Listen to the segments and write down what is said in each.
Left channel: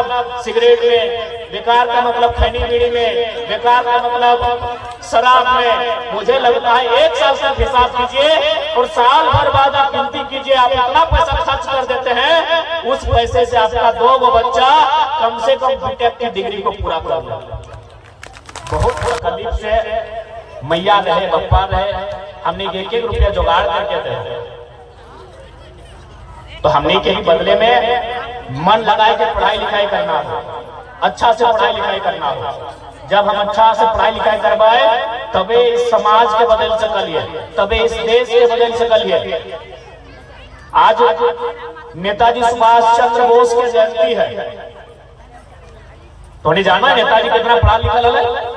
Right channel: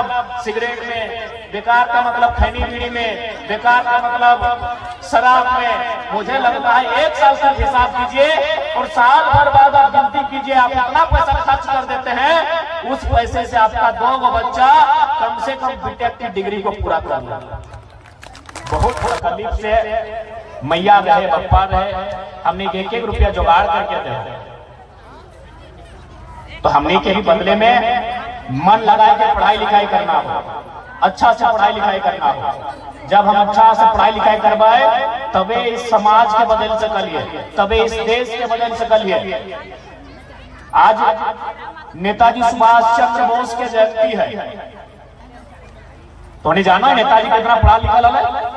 मतलब सिगरेट में, बेकार का मतलब खैनी बीड़ी में, बेकार का मतलब शराब में। मुझे लगता है 1 साल तक हिसाब कीजिए और साल भर बाद आप गिनती कीजिए, आप इतना पैसा खर्च कर देते हैं, उस पैसे से आपका 2 बच्चा कम से कम बीटेक की डिग्री को पूरा कर लिया। बहुत तकलीफ से मैया रहे, बप्पा रहे, हमने 1-1 रुपया जुगाड़ करके दे, तो हमने के ही बदले में मन लगा के पढ़ाई लिखाई करना हो, अच्छा से पढ़ाई लिखाई करना हो। जब हम अच्छा से पढ़ाई लिखाई करवाए तबे इस समाज के बदल सकलिए, तबे इस देश के बदल सकलिए। आज नेताजी सुभाष चंद्र बोस की जयंती है, तो नहीं जाना है नेताजी कितना पढ़ा लिखा है।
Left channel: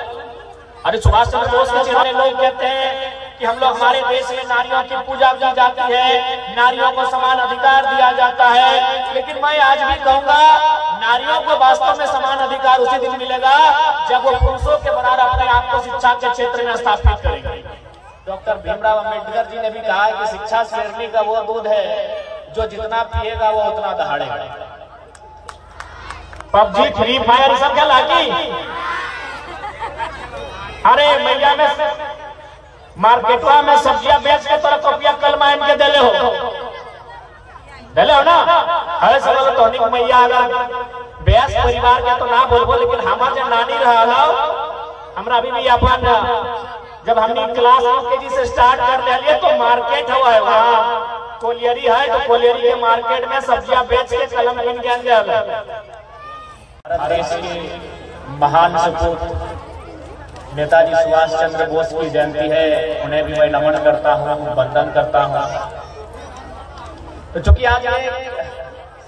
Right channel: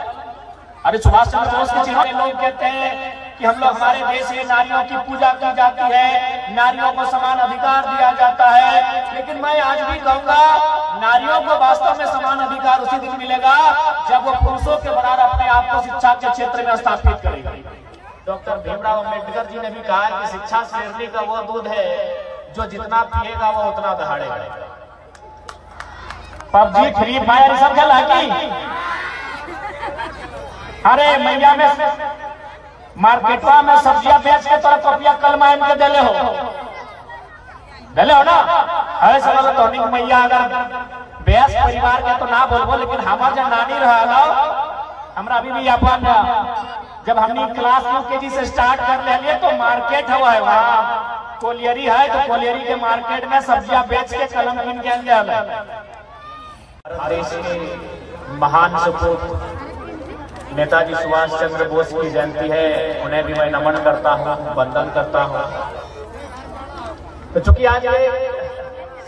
अरे सुभाष चंद्र बोस के चिन्ह लोग कहते हैं कि हम लोग, हमारे देश में नारियों की पूजा की जाती है, नारियों को समान अधिकार दिया जाता है, लेकिन मैं आज भी कहूंगा नारियों को वास्तव में समान अधिकार उसी दिन मिलेगा जब वो पुरुषों के बराबर अपने आप को शिक्षा के क्षेत्र में स्थापित करेंगे। डॉक्टर भीमराव अंबेडकर जी ने भी कहा है कि शिक्षा शेरनी का वो दूध है जो जितना पिएगा वो उतना दहाड़ेगा। पबजी, फ्री फायर सब खेला की? अरे मैया में मार्केटवा में सब्जियां बेच के तोरा कॉपिया कल मायम के देले हो ना। अरे चलो तो मैया अगर बेस परिवार के तो ना बोलबो, लेकिन हमार जो नानी रहा, हमरा अभी भी अपन जब हमने क्लास यूकेजी से स्टार्ट कर ले तो मार्केट हुआ है, वहाँ कोलियरी है, तो कोलियरी के मार्केट में सब्जियां बेच के कलम किन के देश के महान सपूत नेताजी सुभाष चंद्र बोस की जयंती है, उन्हें भी मैं नमन करता हूँ, वंदन करता हूँ। तो चूंकि आज ये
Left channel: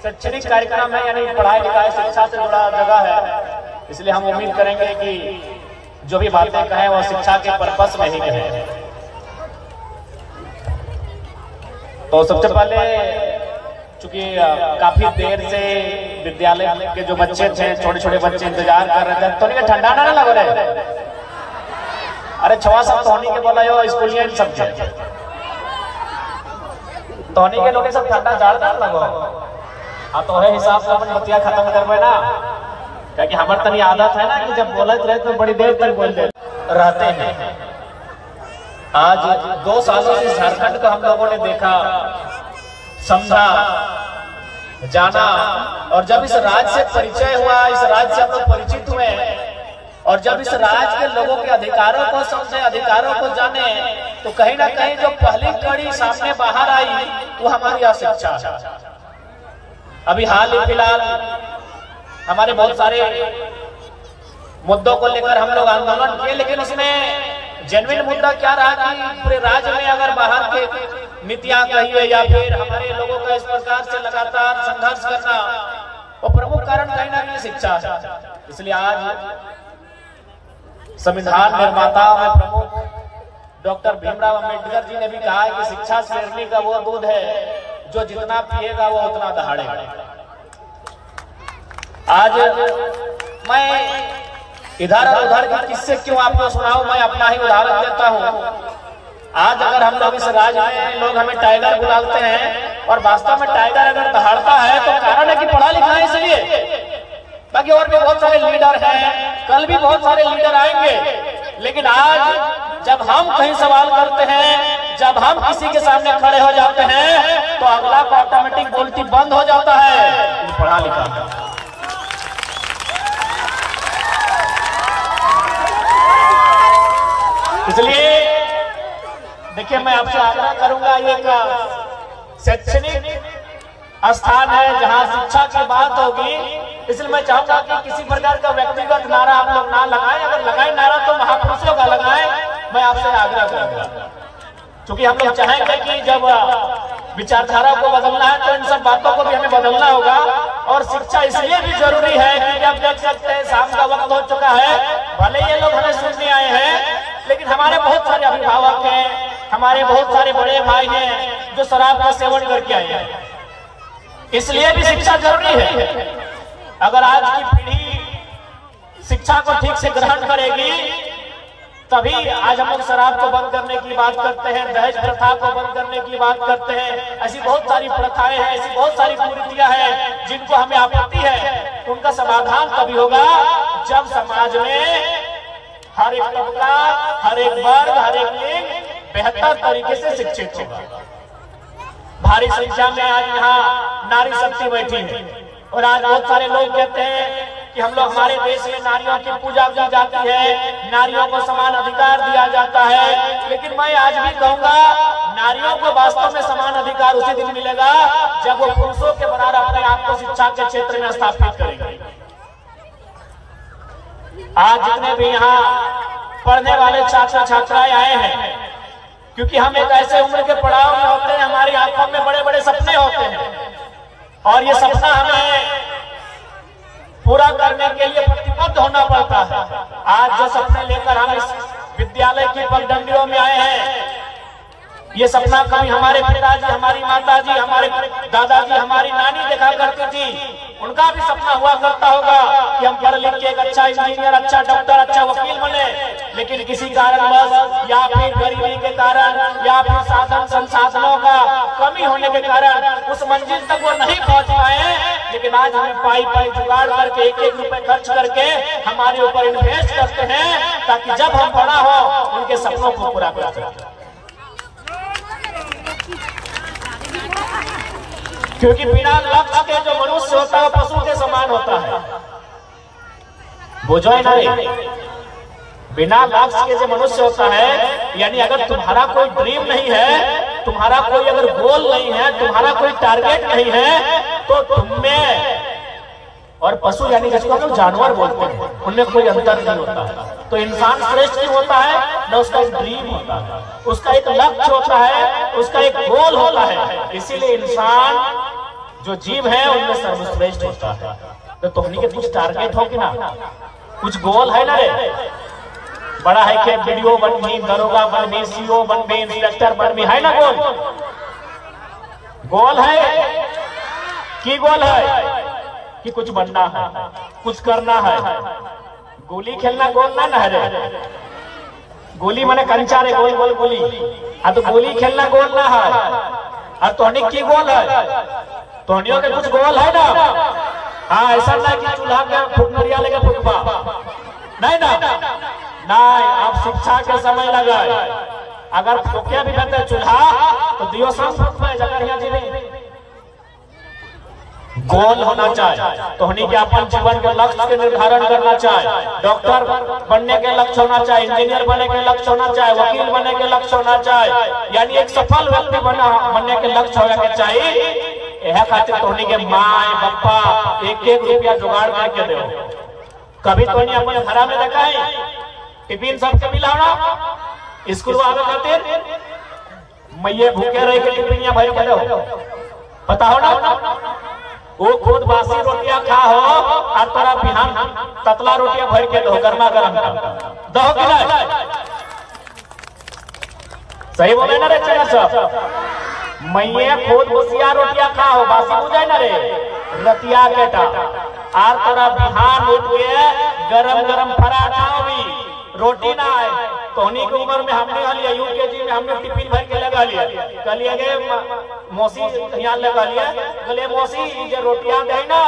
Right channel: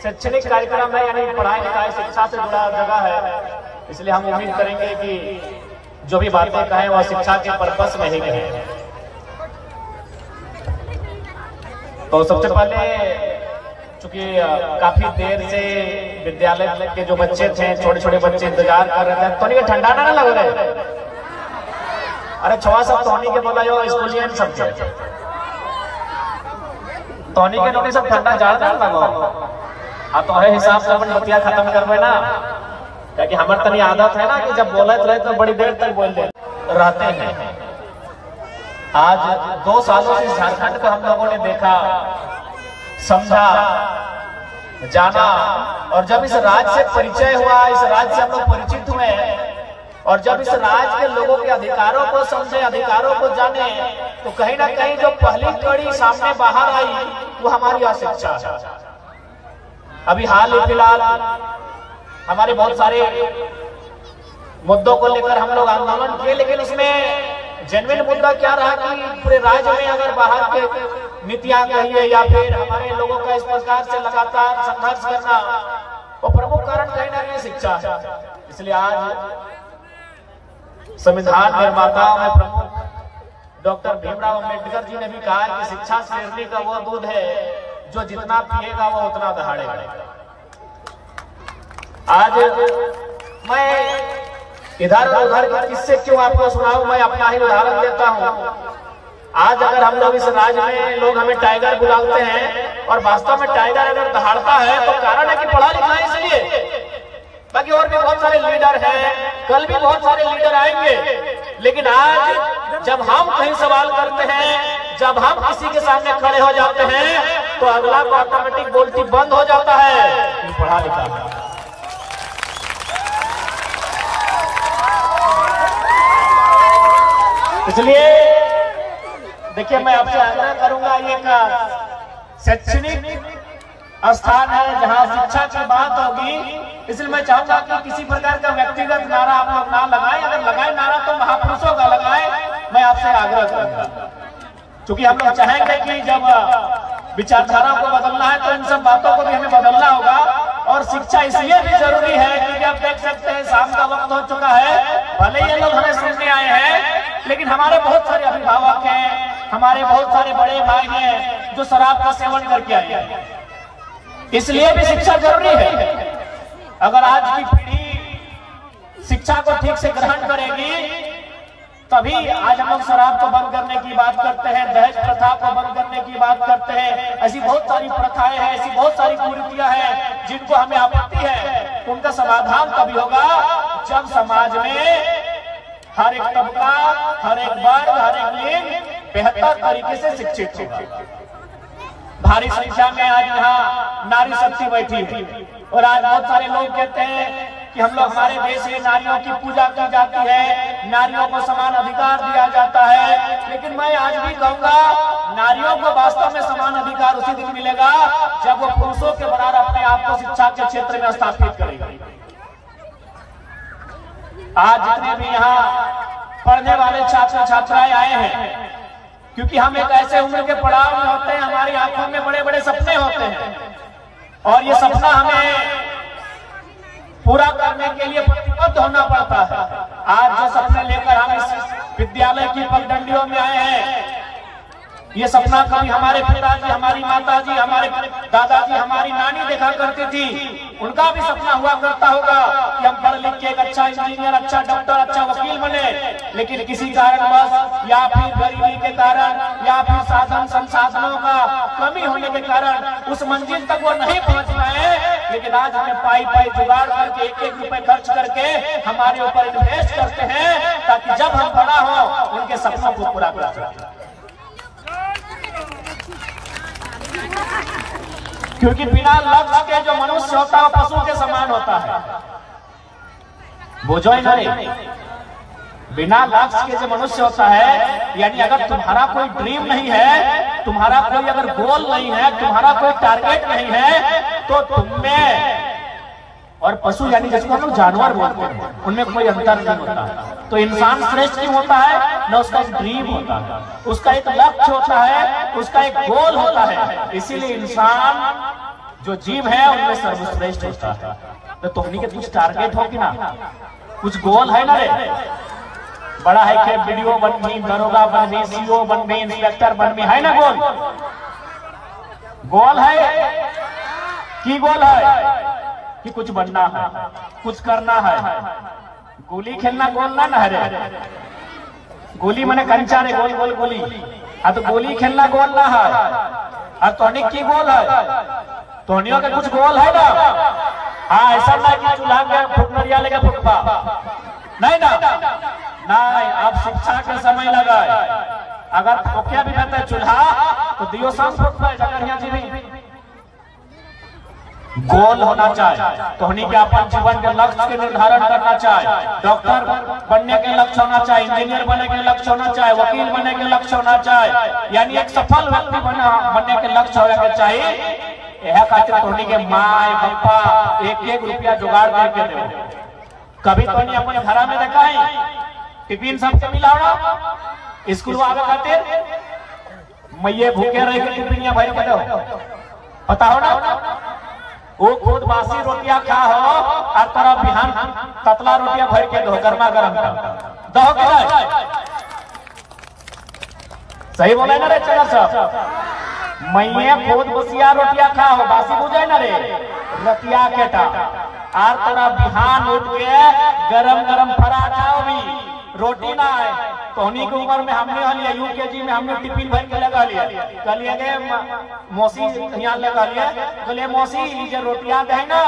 शैक्षणिक कार्यक्रम है, यानी पढ़ाई लिखाई शिक्षा से जुड़ा जगह है, इसलिए हम उम्मीद करेंगे कि जो भी बातें कहें वो शिक्षा के पर्पस में ही कहें। तो सबसे पहले चूंकि काफी देर से विद्यालय के जो बच्चे थे, छोटे छोटे बच्चे इंतजार कर रहे थे, तो नहीं ठंडा ना लग रहे। अरे छवा सब तोहनी के बोला यो स्कूलियन सब तोहनी के लोग सब ठंडा जाड़ लगो। हाँ तो है हिसाब से अपन नीतियां खत्म करवे ना, क्योंकि हमारे तनी आदत है ना कि जब बोलते रहे तो बड़ी देर तक बोलते रहते हैं। आज 2 सालों से झारखंड को हम लोगों ने देखा, समझा, जाना, और जब इस राज्य से परिचय हुआ, इस राज्य से हम लोग परिचित हुए, और जब इस राज्य के लोगों के अधिकारों को समझे, अधिकारों को जाने, तो कहीं ना कहीं जो पहली कड़ी सामने बाहर आई वो हमारी शिक्षा है। अभी हाल ही फिलहाल हमारे बहुत सारे मुद्दों को लेकर हम लोग आंदोलन किए, लेकिन उसमें जेन्युइन मुद्दा क्या रहा कि पूरे राज्य में अगर बाहर के नीतियां कहिए या फिर हमारे लोगों का इस प्रकार से लगातार संघर्ष करना, वो प्रमुख कारण कहीं ना कहीं शिक्षा है। इसलिए आज संविधान निर्माताओं में प्रमुख डॉक्टर भीमराव अंबेडकर जी ने भी कहा है कि शिक्षा शेरनी का वो दूध है जो जितना पिएगा वो उतना दहाड़ेगा। आज मैं इधर और उधर के किस्से क्यों आपको सुनाऊं, मैं अपना ही उदाहरण देता हूं। आज अगर हम लोग इस राज्य में लोग हमें टाइगर बुलाते हैं, और वास्तव में टाइगर अगर दहाड़ता है तो कारण है कि पढ़ा लिखा है, इसलिए। बाकी और भी बहुत सारे लीडर हैं, कल भी बहुत सारे लीडर आएंगे, लेकिन आज जब हम कहीं सवाल करते हैं, जब हम किसी के सामने खड़े हो जाते हैं, तो अगला को ऑटोमेटिक बोलती बंद हो जाता है, पढ़ा लिखा। इसलिए देखिए, मैं आपसे आग्रह करूंगा, ये का शैक्षणिक स्थान है जहां शिक्षा की बात होगी, इसलिए मैं चाहूंगा कि किसी प्रकार का व्यक्तिगत नारा आप लोग ना लगाएं, अगर लगाएं नारा तो महापुरुषों का लगाएं, मैं आपसे आग्रह करूंगा। क्योंकि हम लोग चाहेंगे कि जब विचारधारा को बदलना है तो इन सब बातों को भी हमें बदलना होगा, और शिक्षा इसलिए भी जरूरी है कि आप देख सकते हैं शाम का वक्त हो चुका है, भले ये लोग हमें सुनने आए हैं, लेकिन हमारे बहुत सारे अभिभावक हैं, हमारे बहुत सारे बड़े भाई हैं जो शराब का सेवन करके आए हैं। इसलिए भी शिक्षा जरूरी है। अगर आज की पीढ़ी शिक्षा को ठीक से ग्रहण करेगी तभी आज हम लोग शराब को बंद करने की बात करते हैं, दहेज प्रथा को बंद करने की बात करते हैं। ऐसी बहुत सारी प्रथाएं हैं, ऐसी बहुत सारी कुरीतियां हैं जिनको हमें आपत्ति है। उनका समाधान तभी होगा जब समाज में हर एक तबका, हर एक वर्ग, हर एक लिंग बेहतर तरीके से शिक्षित होगा। भारी संख्या में आज यहाँ नारी शक्ति बैठी है और आज बहुत सारे लोग कहते हैं कि हम लोग, हमारे देश में नारियों की पूजा की जाती है, नारियों को समान अधिकार दिया जाता है। लेकिन मैं आज भी कहूंगा, नारियों को वास्तव में समान अधिकार उसी दिन मिलेगा जब वो पुरुषों के बराबर अपने आप को शिक्षा के क्षेत्र में स्थापित करेंगे। आज जितने भी यहाँ पढ़ने वाले छात्र छात्राएं आए हैं, क्योंकि हम एक ऐसे उम्र के पड़ाव में होते हैं, हमारी आंखों में बड़े बड़े सपने होते हैं और ये सपना हमें पूरा करने के लिए प्रतिबद्ध होना पड़ता है। आज जो सपने लेकर हम इस विद्यालय की पगडंडियों में आए हैं, ये सपना कभी हमारे पिताजी, हमारी माताजी, हमारे दादाजी, हमारी नानी देखा करती थी। उनका भी सपना हुआ करता होगा कि हम पढ़ लिख के एक अच्छा इंजीनियर, अच्छा डॉक्टर, अच्छा वकील बने। लेकिन किसी कारणवश या फिर गरीबी के कारण या फिर साधन संसाधनों का कमी होने के कारण उस मंजिल तक वो नहीं पहुंच पाए। लेकिन आज हमें पाई पाई जुगाड़ करके एक एक रुपए खर्च करके हमारे ऊपर इन्वेस्ट करते हैं ताकि जब हम बड़ा हो उनके सपनों को पूरा कर सकें। क्योंकि बिना लक्ष्य के जो मनुष्य होता है वो पशु के समान होता है। बोझो है ना रे, बिना लक्ष्य के जो मनुष्य होता है, यानी अगर तुम्हारा कोई ड्रीम नहीं है, तुम्हारा कोई अगर गोल नहीं है, तुम्हारा कोई टारगेट नहीं है, तो तुमने और पशु यानी जिसको हम लोग जानवर बोलते हैं, उनमें कोई अंतर नहीं होता है। तो इंसान श्रेष्ठ क्यों होता है? न उसका एक ड्रीम होता है, उसका एक लक्ष्य होता है, उसका एक गोल होता है। इसीलिए इंसान जो जीव है उनमें सर्वश्रेष्ठ होता है। तो तुमने के कुछ टारगेट हो कि ना, कुछ गोल है ना रे? बड़ा है कि वीडियो बन भी, दरोगा बन भी, सीओ बन भी, इंस्पेक्टर बन भी, है ना गोल? गोल है कि गोल है कि कुछ बनना है, कुछ करना है। गोली खेलना गोल ना है रे। गोली माने कंचा रे, गोल गोल गोली। हाँ तो गोली खेलना गोल ना है। और तोहनिक की गोल है? तोहनियों के कुछ गोल है ना? हाँ, ऐसा नहीं कि चूल्हा में फुकनरिया लेके फुकबा, नहीं ना, नहीं। अब शिक्षा के समय लगा, अगर फुकिया भी रहता है चूल्हा तो दियो शाम फुकबा जगह जी। गोल होना चाहिए, तो होनी के अपन जीवन के लक्ष्य के निर्धारण करना चाहिए। डॉक्टर बनने के लक्ष्य होना चाहिए, इंजीनियर बनने के लक्ष्य होना चाहिए, वकील बनने के लक्ष्य होना चाहिए, यानी एक सफल व्यक्ति बनने के लक्ष्य होना चाहिए। यह खातिर तो होनी के माँ पप्पा एक एक रुपया जुगाड़ करके दो। कभी तो नहीं अपने घरा में देखा है टिफिन सबके मिला स्कूल आगे खातिर मैये भूखे रह के टिफिनिया भर के दो, पता हो ना? वो खुद बासी रोटियां खा हो और तोरा बिहान ततला रोटियां भर के दो, गर्मा गर्म दो के ना। सही बोले ना रे चनर साहब? मैये खुद बसिया रोटियां खा हो, बासी बुझाए ना रे रतिया के टा, और तोरा बिहान उठ के गरम गरम पराठा भी रोटी ना आए। तो उन्हीं की उम्र में हमने यूकेजी में हमने टिफिन भर के लगा लिया। कलिए गए मौसी यहाँ लगा लिया, बोले मौसी ये रोटियां दे ना,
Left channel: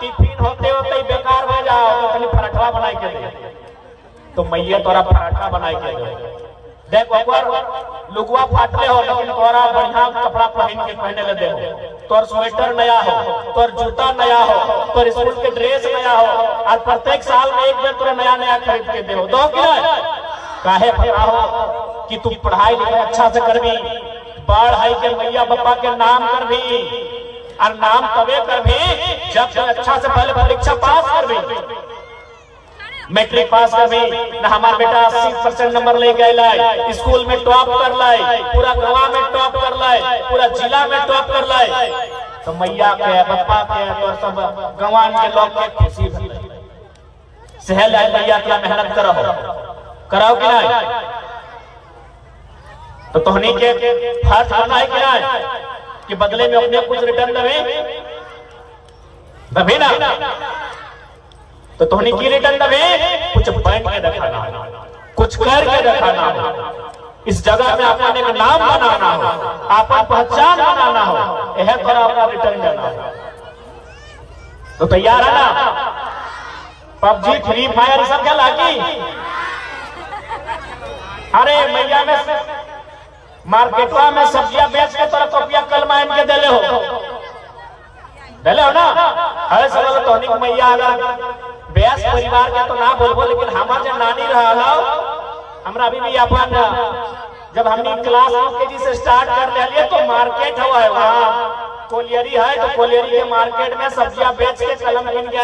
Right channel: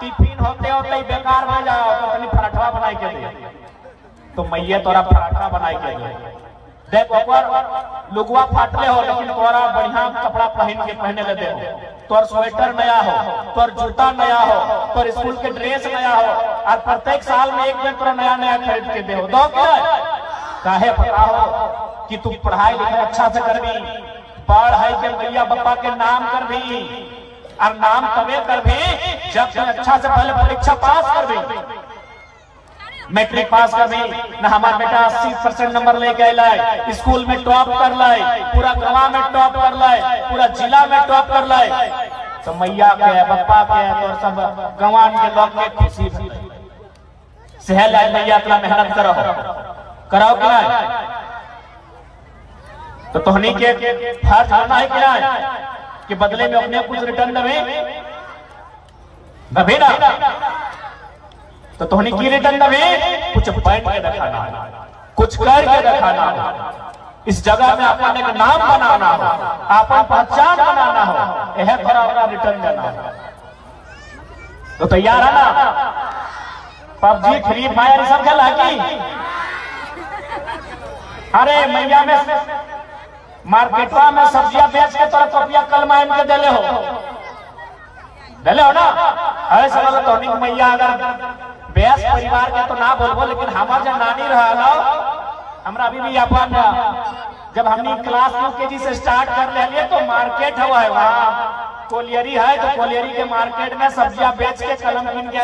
टिफिन होते होते बेकार हो जाओ, तो अपनी पराठा बना के दे। तो मैया तोरा पराठा बना के दे। देखो एक बार लुगवा फाटले हो, लेकिन तोरा बढ़िया कपड़ा पहने के दे, तोर स्वेटर नया हो, तोर जूता नया हो, तोर स्कूल के ड्रेस नया हो, और प्रत्येक साल में एक दिन तोरा नया नया खरीद के दे। दो क्या काहे पता हो कि तुम पढ़ाई लिखाई अच्छा से करबी, बाढ़ है के मैया बापा के नाम कर भी, और नाम तबे कर भी जब तुम अच्छा से पहले परीक्षा पास कर भी, मैट्रिक पास कर भी। न हमारा बेटा 80% नंबर लेके लाए, स्कूल में टॉप कर लाए, पूरा गवा में टॉप कर लाए, पूरा जिला में टॉप कर लाए, तो मैया के बापा के तो सब गवान के लोग के खुशी सहल मैया क्या मेहनत कराओ कि नहीं? तो तोहनी के फर्ज होना है कि नहीं कि बदले में अपने कुछ रिटर्न दबे ना? तो तोहनी की रिटर्न दबे कुछ बैठ के दिखाना, कुछ करके दिखाना हो, इस जगह में अपन एक नाम बनाना हो, अपन पहचान बनाना हो, यह थोड़ा अपना रिटर्न देना हो। तो तैयार है ना? पबजी, फ्री फायर सब खेला की? अरे मैया में मार्केटवा में सब्जियां बेच के तोरा कॉपिया कल मायम के देले हो ना? अरे समझ तो मैया अगर बेस परिवार के तो ना बोलबो, लेकिन हमार जब नानी रहा हमरा अभी भी अपन जब हमने क्लास यूकेजी से स्टार्ट कर ले तो मार्केट हुआ है वहाँ कोलियरी है, तो कोलियरी के मार्केट में सब्जियां बेच के कलम किन के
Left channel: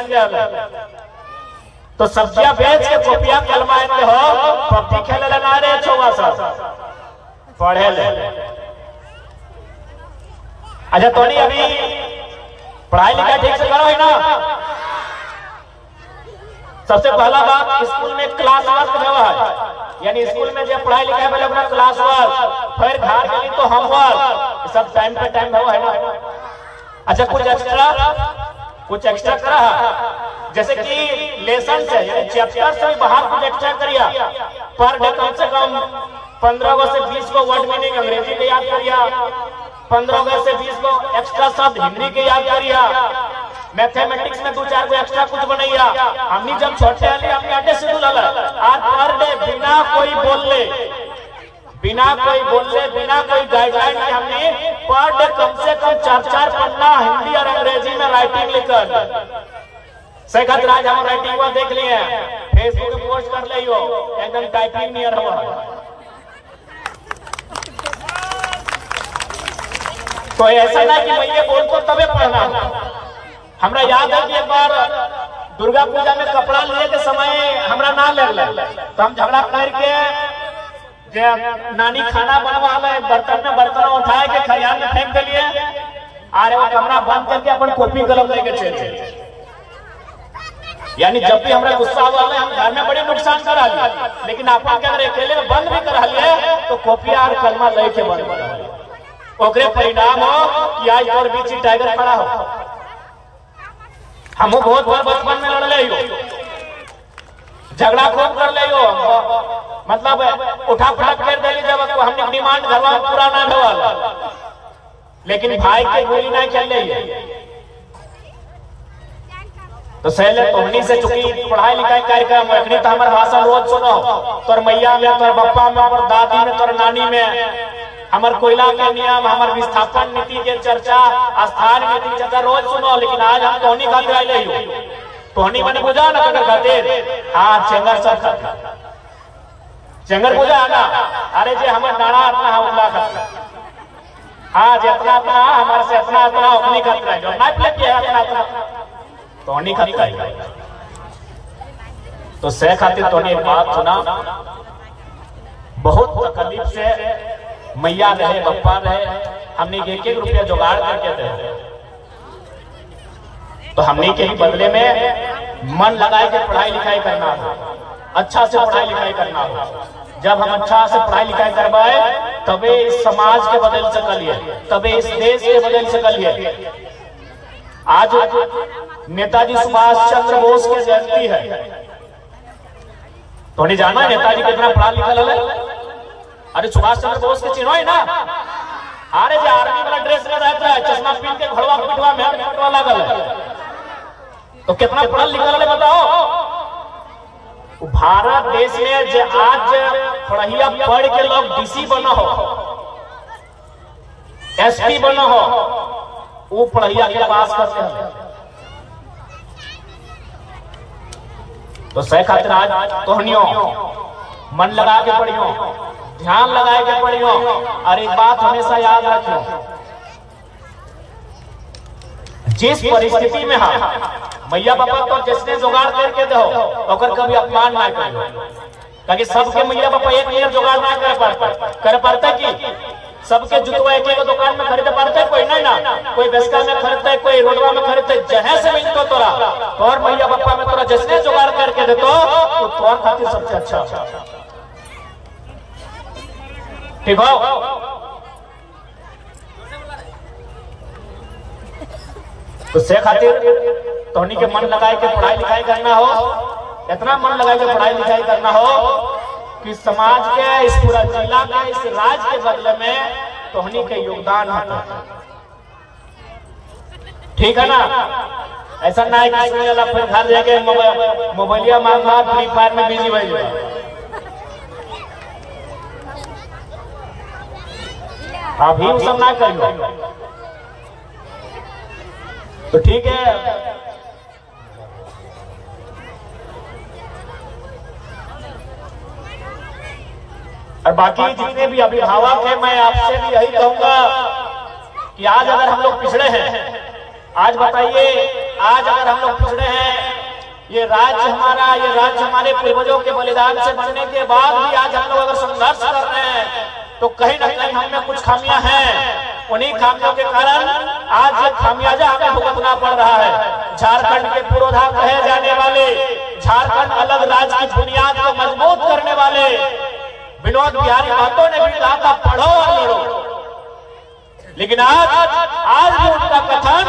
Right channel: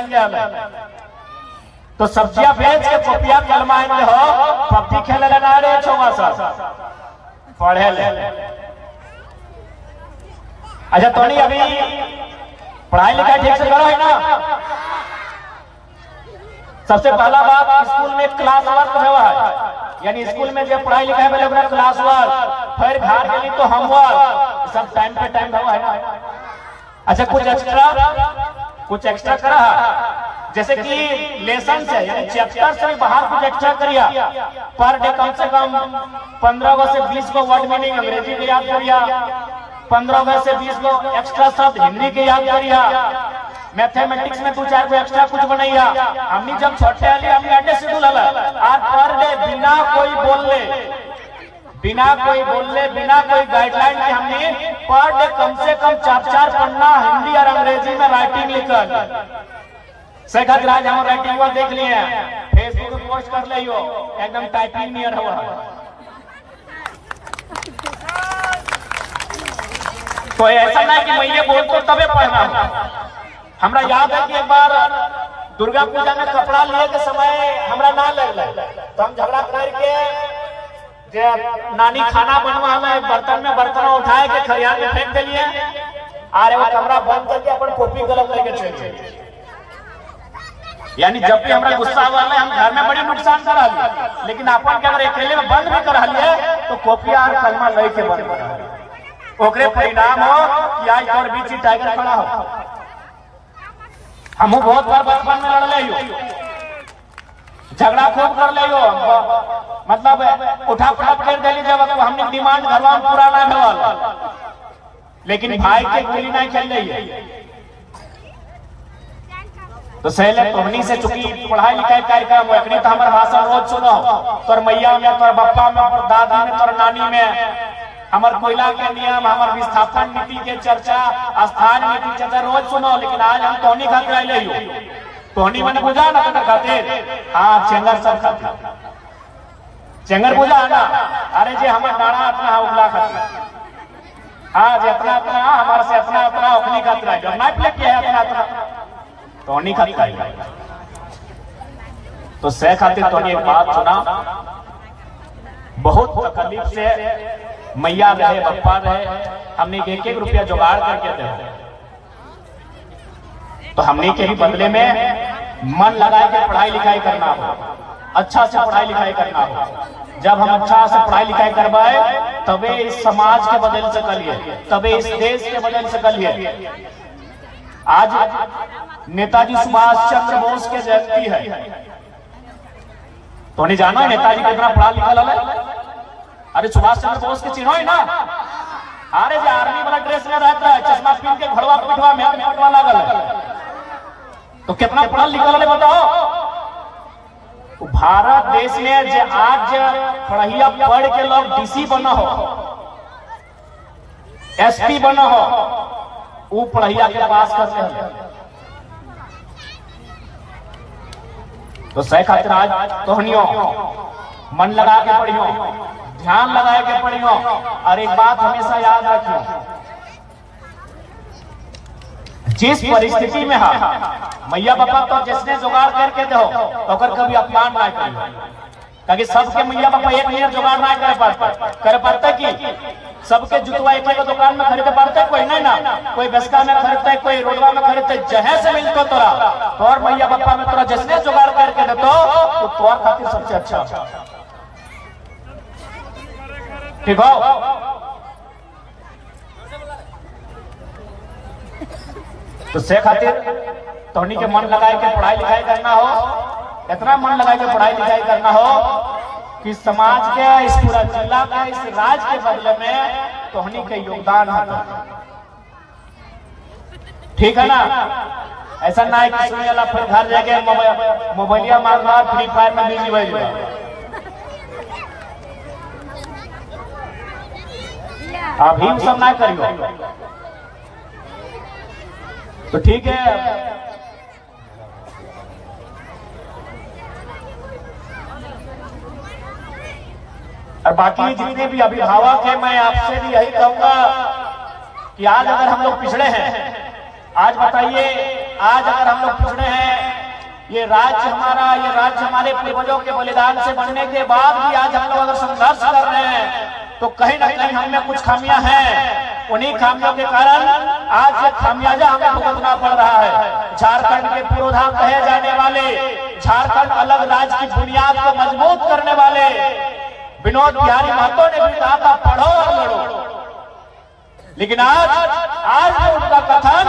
तो सब्जियां बेच के कॉपिया कलमा हो, पबजी खेले लेना रे चौवा साल पढ़े ले। अच्छा तो नहीं अभी पढ़ाई लिखाई ठीक से करो है ना? सबसे पहला बात, स्कूल में क्लास वर्क हुआ है, यानी स्कूल में जब पढ़ाई लिखाई में लगना क्लास वर्क, फिर घर के लिए तो होमवर्क, सब टाइम पे टाइम हुआ है ना? अच्छा कुछ एक्स्ट्रा करा जैसे कि लेसन से यानी चैप्टर से बाहर कुछ एक्स्ट्रा करिया, पर डे कम से कम 15 से 20 को वर्ड मीनिंग अंग्रेजी के याद करिया, 15 से 20 को एक्स्ट्रा शब्द हिंदी के याद करिया, मैथमेटिक्स में 2-4 को एक्स्ट्रा कुछ बनैया। हमने जब छोटे हमने अड्डे से बोला आज पर डे बिना कोई बोलले बिना कोई गाइडलाइन के हमने पर डे कम से कम 4-4 पन्ना हिंदी और अंग्रेजी में राइटिंग लिखल। सेखत राज हम राइटिंग हुआ देख लिए, फेसबुक पे पोस्ट कर ले एकदम टाइपिंग नियर हुआ। तो ऐसा ना कि मैं ये बोलतो तबे पढ़ना। हमरा याद है कि एक बार दुर्गा पूजा में कपड़ा लिए के समय हमरा ना ले तो हम झगड़ा करके नानी खाना बनवा में बर्तन में बर्तन उठाए के खरियान में फेंक दिलिए, अरे कमरा बंद करके अपन कॉपी कलम लेके चले। यानी जब भी हमरा गुस्सा हुआ हम घर में बड़े नुकसान करा लिए, लेकिन अपन के अगर अकेले में बंद भी करा लिए तो कॉपिया और कलमा लेके बंद करा, ओकरे परिणाम हो कि आज और बीच टाइगर खड़ा हो। हमू बहुत बार बचपन में लड़ ले झगड़ा खूब कर ले मतलब उठा फटाक कर दिली जब हमने डिमांड घरवा में पूरा ना ढवा, लेकिन भाई के गोली ना चल रही तो सहले तोहनी से चुकी पढ़ाई लिखाई कार्यक्रम अखनी तो हमारे भाषण रोज सुनो, तोर मैया में, तोर बप्पा में, तोर दादी में, तोर नानी में, हमार कोयला के नियम, हमार विस्थापन नीति के चर्चा, स्थान नीति की चर्चा रोज सुनो। लेकिन आज हम तोहनी खातिर आए हो, तोहनी मन बुझा ना कगर खातिर हाँ चेंगर सब खातिर चेंगर बुझा ना। अरे जे हमार डाड़ा अपना हमला खातिर हाँ जे अपना अपना हमारे से अपना अपना अपनी खातिर आए ना है अपना अपना तोहनी खातिर। तो सह खातिर तोहनी एक बात सुना, बहुत तकलीफ से मैया रहे बप्पा रहे, हमने 1-1 रुपया जुगाड़ करके दे, तो हमने के ही बदले में मन लगाए के पढ़ाई लिखाई करना हो, अच्छा से पढ़ाई लिखाई करना हो। जब हम अच्छा से पढ़ाई लिखाई करवाए तबे इस समाज के बदल सकलिए, तबे इस देश के बदल सकलिए। आज नेताजी सुभाष चंद्र बोस के जयंती है, तो नहीं जाना है नेताजी कितना पढ़ा लिखा है? अरे सुभाष चंद्र बोस के चिन्ह है ना, अरे जो आर्मी वाला ड्रेस में रहता है, चश्मा पहन के घड़वा पिटवा में पटवा लागल है, तो कितना पढ़ा लिखा है बताओ। भारत देश में जो आज पढ़िया पढ़ के लोग डीसी बना हो, एसपी बना हो, वो पढ़िया के पास करते हैं। तो सह खातिर आज तोहनियो मन लगा के पढ़ियो, ध्यान लगा के पढ़ियो। और एक बात हमेशा याद रखियो, जिस परिस्थिति में मैया बाबा तो जिसने जुगाड़ करके दो ओकर कभी अपमान ना करियो, ताकि सबके मैया बाबा एक मिनट जुगाड़ ना कर पाते कि सबके जुतवा एक दुकान में खरीदे पाते, कोई नहीं ना, कोई बेसका में खरीदते, कोई रोडवा में खरीदते, जहां से मिलतो तोरा और मैया बाबा में तोरा जिसने जुगाड़ करके देतो वो तोर खातिर सबसे अच्छा ठीक हो। तो से खातिर तोहनी के मन लगाए के पढ़ाई लिखाई करना हो, इतना मन लगाए के पढ़ाई लिखाई करना हो कि समाज के, इस पूरा जिला के, इस राज्य के बदले में तोहनी के योगदान होता। ठीक है ना? ऐसा ना है कि सुने वाला फिर घर जाके मोबाइलिया मांगा और फ्री फायर में बिजी हो जाए। अभी वो सब ना करियो। तो ठीक है, और बाकी जितने भी अभिभावक हैं, मैं आपसे भी यही कहूंगा कि आज अगर हम लोग पिछड़े हैं, आज बताइए, आज अगर हम लोग पिछड़े हैं, ये राज्य हमारा, ये राज्य हमारे पूर्वजों के बलिदान से बनने के बाद भी आज हम लोग अगर संघर्ष कर रहे हैं, तो कहीं ना कहीं हम में कुछ खामियां हैं। उन्हीं खामियों के कारण आज ये खामियाजा हमें भुगतना पड़ रहा है। झारखंड के पुरोधा कहे जाने वाले, झारखंड अलग राज्य की बुनियाद को मजबूत करने वाले विनोद बिहारी महतो ने भी कहा था, पढ़ो और लड़ो। लेकिन आज भी उनका कथन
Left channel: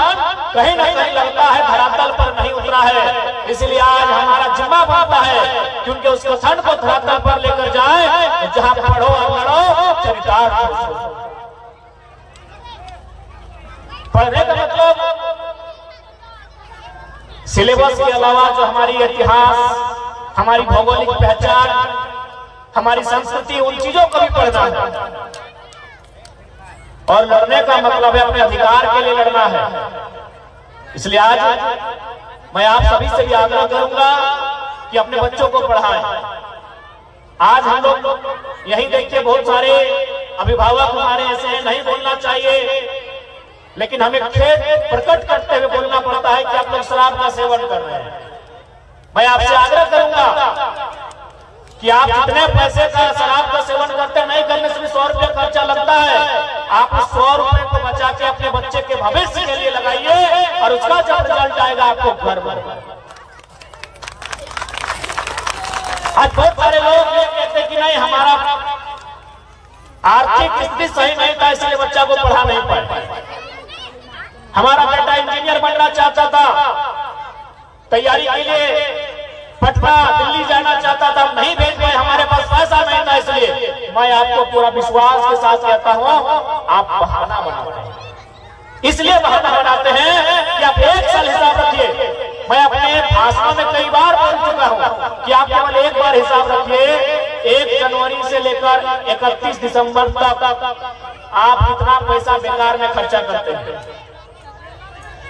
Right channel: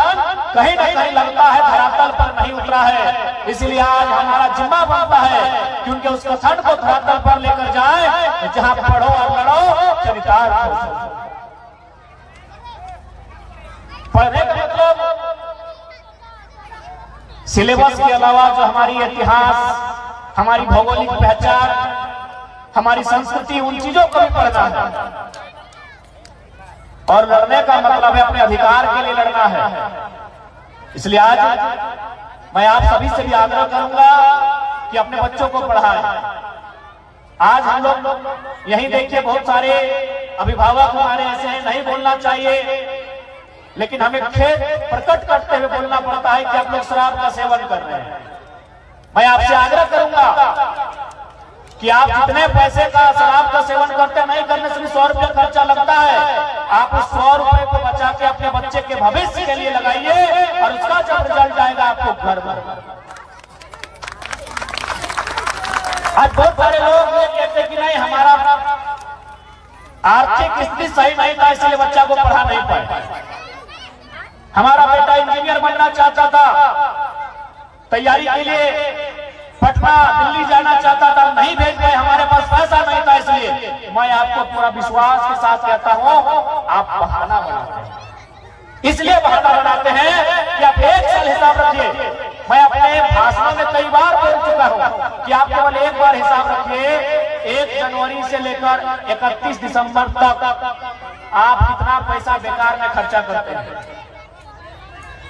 कहीं ना कहीं लगता है धरातल पर नहीं उतरा है। इसलिए आज हमारा जिम्मा बनता है कि उनके उस कथन को धरातल पर लेकर जाएं, जहां पढ़ो और लड़ो चरितार्थ। पढ़ने का मतलब सिलेबस के अलावा जो हमारी इतिहास, हमारी भौगोलिक पहचान, हमारी संस्कृति, उन चीजों को भी पढ़ना है। और लड़ने का मतलब है अपने अधिकार के लिए लड़ना है। इसलिए आज मैं आप सभी से भी आग्रह करूंगा कि अपने बच्चों को पढ़ाएं। आज हम लोग यही देखिए, बहुत सारे अभिभावक हमारे ऐसे हैं, नहीं बोलना चाहिए, लेकिन हमें खेद प्रकट करते हुए बोलना पड़ता है कि आप लोग शराब का सेवन कर रहे हैं। मैं आपसे आग्रह करूंगा कि आप जितने पैसे का शराब का सेवन करते, नहीं करने से भी 100 रुपये खर्चा लगता है। आप उस 100 रुपये को बचा के अपने बच्चे के भविष्य के लिए लगाइए, और उसका जब रिजल्ट आएगा आपको घर भर। आज बहुत सारे लोग ये कहते कि नहीं, हमारा आर्थिक स्थिति सही नहीं था, इसलिए बच्चा को पढ़ा नहीं पाए। हमारा बेटा इंजीनियर बनना चाहता था, तैयारी के लिए पटना दिल्ली जाना चाहता था, नहीं भेज पाए, हमारे पास पैसा नहीं था। इसलिए मैं आपको पूरा विश्वास के साथ कहता हूं, आप बहाना बनाते हैं। इसलिए बहाना बनाते हैं कि आप 1 साल हिसाब रखिए। मैं अपने भाषण में कई बार बोल चुका हूं कि आप केवल एक बार हिसाब रखिए, 1 जनवरी से लेकर 31 दिसंबर तक आप कितना पैसा बेकार में खर्चा करते हैं।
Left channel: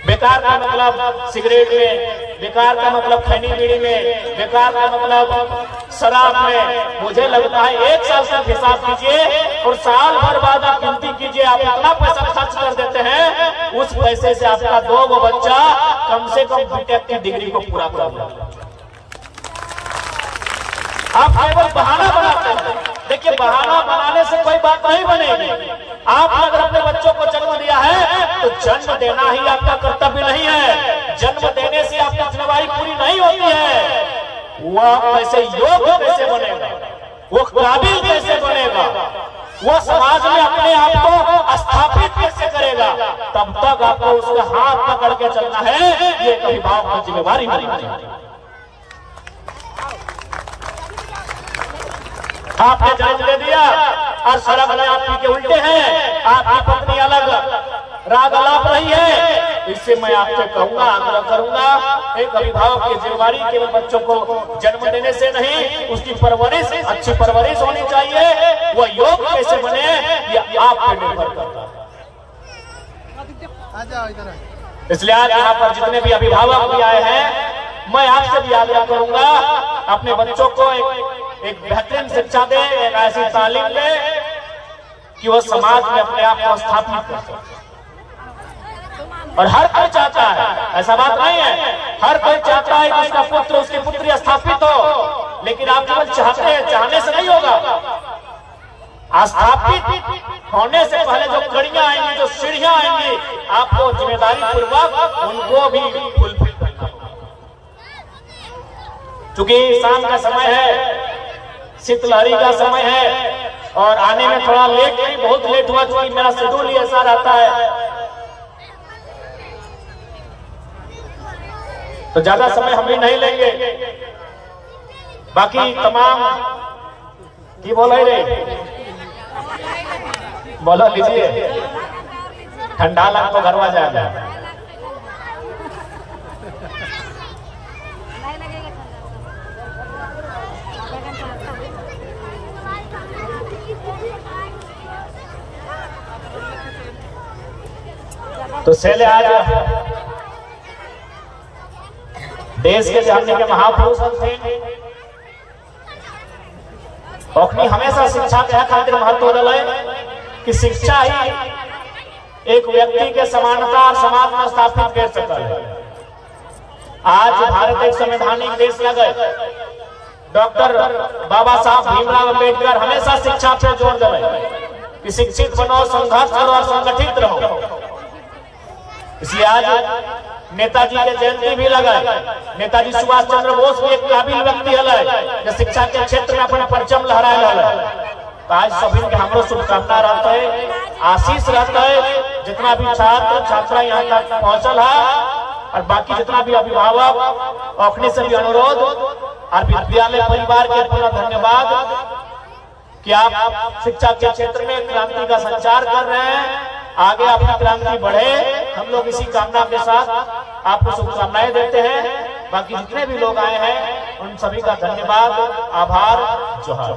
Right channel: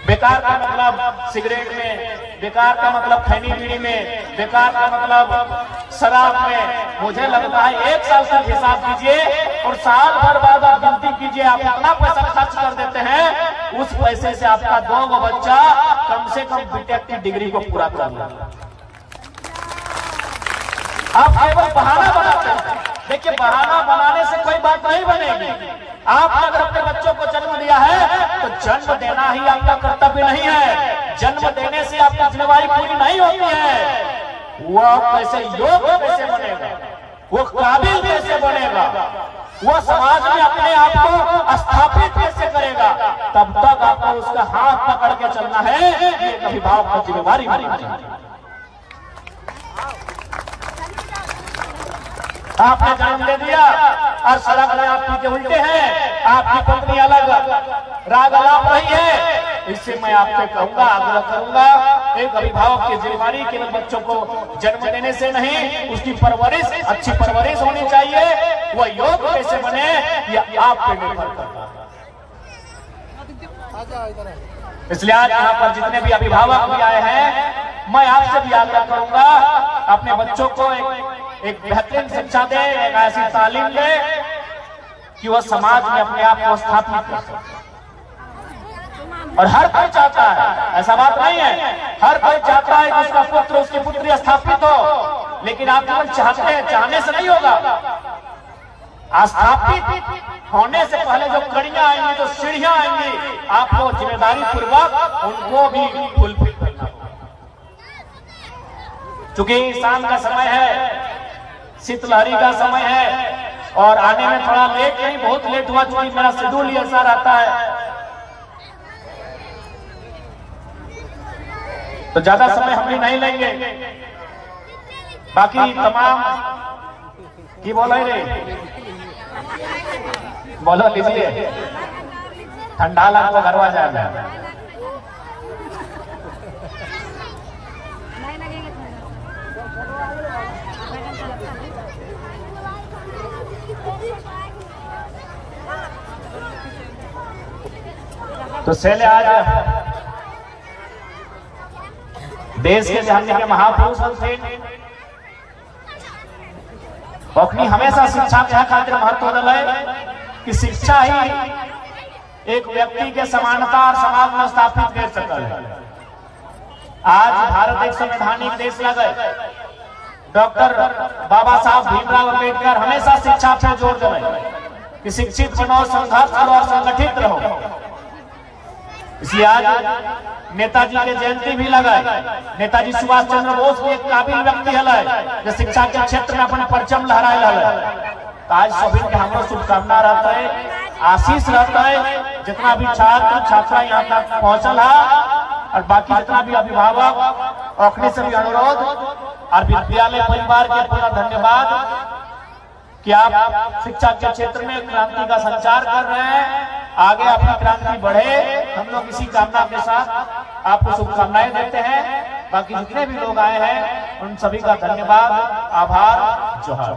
बेकार का मतलब सिगरेट में, बेकार का मतलब खैनी बीड़ी में, बेकार का मतलब शराब में। मुझे लगता है 1 साल तक हिसाब कीजिए और साल भर बाद आप गिनती कीजिए, आप इतना पैसा खर्च कर देते हैं, उस पैसे से आपका 2 बच्चा कम से कम बीटेक की डिग्री को पूरा कर लेगा। आप केवल बहाना बनाते हैं। देखिए, बहाना बनाने से कोई बात नहीं बनेगी। आपने अगर अपने बच्चों को जन्म दिया है तो जन्म देना ही आपका कर्तव्य नहीं है। जन्म देने से आपकी जिम्मेवारी पूरी नहीं होती है। वो आप कैसे योग्य कैसे बनेगा, वो काबिल कैसे बनेगा, वो समाज में अपने आप को स्थापित कैसे करेगा, तब तक आपको उसका हाथ पकड़ के चलना है। ये एक अभिभावक की जिम्मेवारी होनी चाहिए। आपने जन्म दे दिया और सड़क में आप पी के उल्टे हैं, आपकी पत्नी अलग राग अलाप रही है। इससे मैं आपसे कहूंगा, आग्रह करूंगा, एक अभिभावक की जिम्मेवारी केवल बच्चों को जन्म देने से नहीं, उसकी परवरिश, अच्छी परवरिश होनी चाहिए। वो योग्य कैसे बने, ये आप पे निर्भर करता है। इसलिए आज यहाँ पर जितने भी अभिभावक भी आए हैं, मैं आपसे भी आग्रह करूंगा, अपने बच्चों को एक बेहतरीन शिक्षा दे, एक ऐसी तालीम दे कि वो समाज में अपने आप को स्थापित कर सके। और हर कोई चाहता है, ऐसा बात नहीं है, हर कोई चाहता है कि उसका पुत्र, उसकी पुत्री स्थापित हो, लेकिन आप केवल चाहते हैं, चाहने से नहीं होगा। स्थापित होने से पहले जो कड़ियां आएंगी, जो सीढ़ियां आएंगी, आपको जिम्मेदारी पूर्वक उनको भी फुलफिल करना होगा। क्योंकि शाम का समय है, शीतलहरी का समय है, और आने में थोड़ा लेट नहीं, बहुत लेट हुआ, क्योंकि मेरा शेड्यूल ही ऐसा रहता है। तो ज्यादा समय हम भी नहीं लेंगे। बाकी तमाम की बोलो रे, बोलो लीजिए, ठंडा लग तो घरवा जाएगा। तो शैल आज देश के जानने के महापुरुष थे, औखनी हमेशा शिक्षा के खातिर महत्व दिले कि शिक्षा ही एक व्यक्ति के समानता और समाज में स्थापित कर सकता है। आज भारत एक संवैधानिक देश लगे, डॉक्टर बाबा साहब भीमराव अम्बेडकर हमेशा शिक्षा पे जोर दिले कि शिक्षित बनो, संघर्ष करो और संगठित रहो। इसलिए आज नेताजी के जयंती भी लगाए। नेताजी सुभाष चंद्र बोस भी एक काबिल व्यक्ति है जो शिक्षा के क्षेत्र में अपने परचम लहराए लगे। तो आज सभी के हमरो शुभकामना रहता है, आशीष रहता है। जितना भी छात्र छात्रा यहाँ तक पहुंचल है और बाकी जितना भी अभिभावक, औखनी से भी अनुरोध और विद्यालय परिवार के पूरा धन्यवाद कि आप शिक्षा के क्षेत्र में क्रांति का संचार कर रहे हैं। आगे आपकी क्रांति बढ़े, हम लोग इसी कामना के साथ आपको शुभकामनाएं देते हैं। बाकी जितने भी लोग आए हैं उन सभी का धन्यवाद, आभार, जोहार।